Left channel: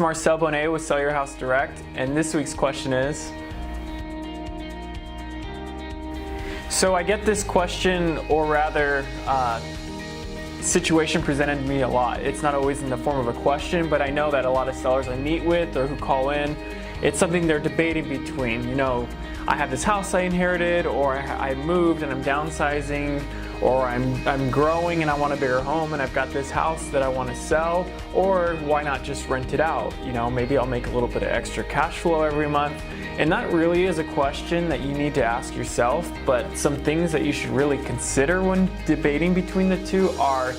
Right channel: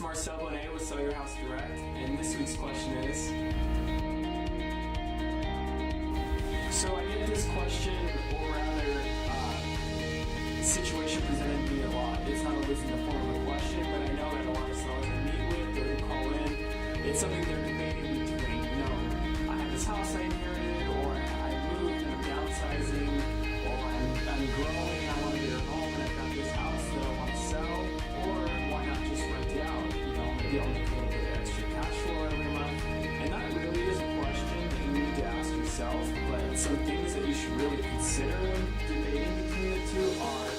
It's Marcel Bonee with Sell Your House Direct, and this week's question is, so I get this question, or rather, situation presented to me a lot. It's not always in the form of a question, but I know that a lot of sellers I meet with or who call in, it's something they're debating between. You know, I have this house I inherited, or I moved and I'm downsizing, or I'm growing and I want a bigger home and I've got this house that I want to sell, or why not just rent it out? You know, maybe I'll make a little bit of extra cash flow every month. And that really is a question that you need to ask yourself, but some things that you should really consider when debating between the two are,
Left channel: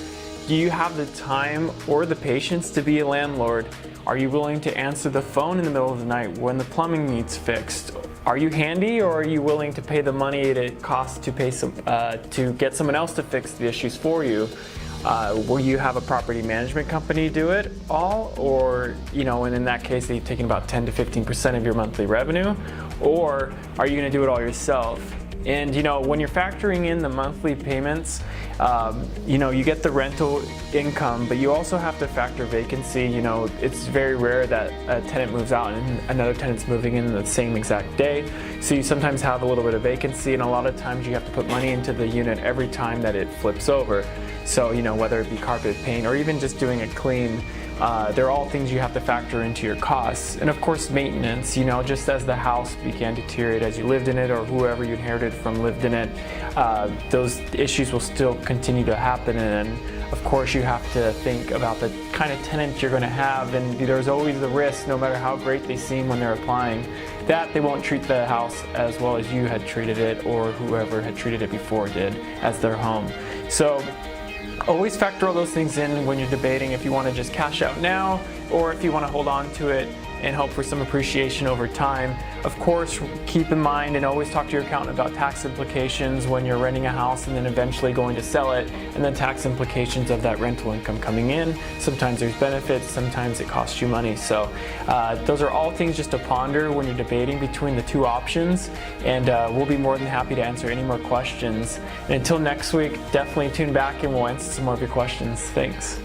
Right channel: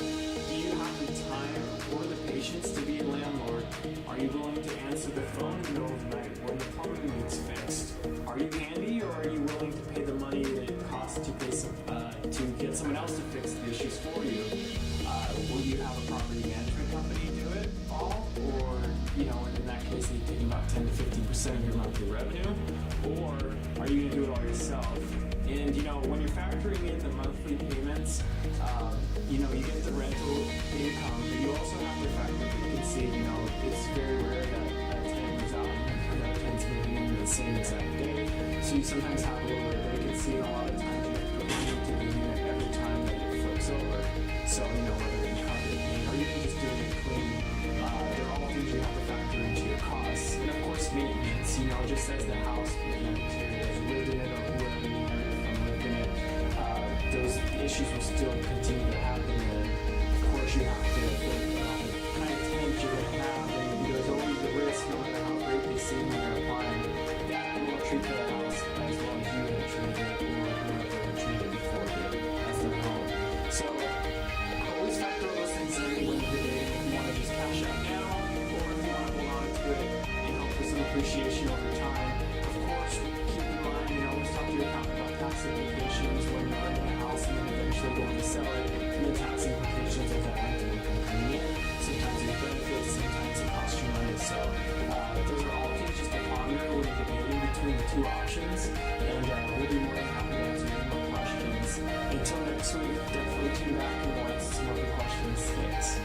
do you have the time or the patience to be a landlord? Are you willing to answer the phone in the middle of the night when the plumbing needs fixed? Are you handy, or are you willing to pay the money it costs to pay to get someone else to fix the issues for you? Will you have a property management company do it all, or, you know, and in that case, they've taken about 10 to 15% of your monthly revenue, or are you going to do it all yourself? And, you know, when you're factoring in the monthly payments, you know, you get the rental income, but you also have to factor vacancy. You know, it's very rare that a tenant moves out and another tenant's moving in the same exact day. So you sometimes have a little bit of vacancy, and a lot of times you have to put money into the unit every time that it flips over. So, you know, whether it be carpet, paint, or even just doing it clean, they're all things you have to factor into your costs. And of course, maintenance, you know, just as the house began to deteriorate as you lived in it, or whoever you inherited from lived in it, those issues will still continue to happen. And of course, you have to think about the kind of tenant you're going to have, and there's always the risk, no matter how great they seem when they're applying, that they won't treat the house as well as you had treated it, or whoever had treated it before did, as their home. So always factor all those things in when you're debating if you want to just cash out now, or if you want to hold on to it and hope for some appreciation over time. Of course, keep in mind and always talk to your accountant about tax implications when you're renting a house and then eventually going to sell it, and the tax implications of that rental income coming in. Sometimes there's benefits, sometimes it costs you money. So those are all things just to ponder when you're debating between the two options, and we'll be more than happy to answer any more questions. And until next week, definitely tune back and we'll answer some more of your questions. Thanks.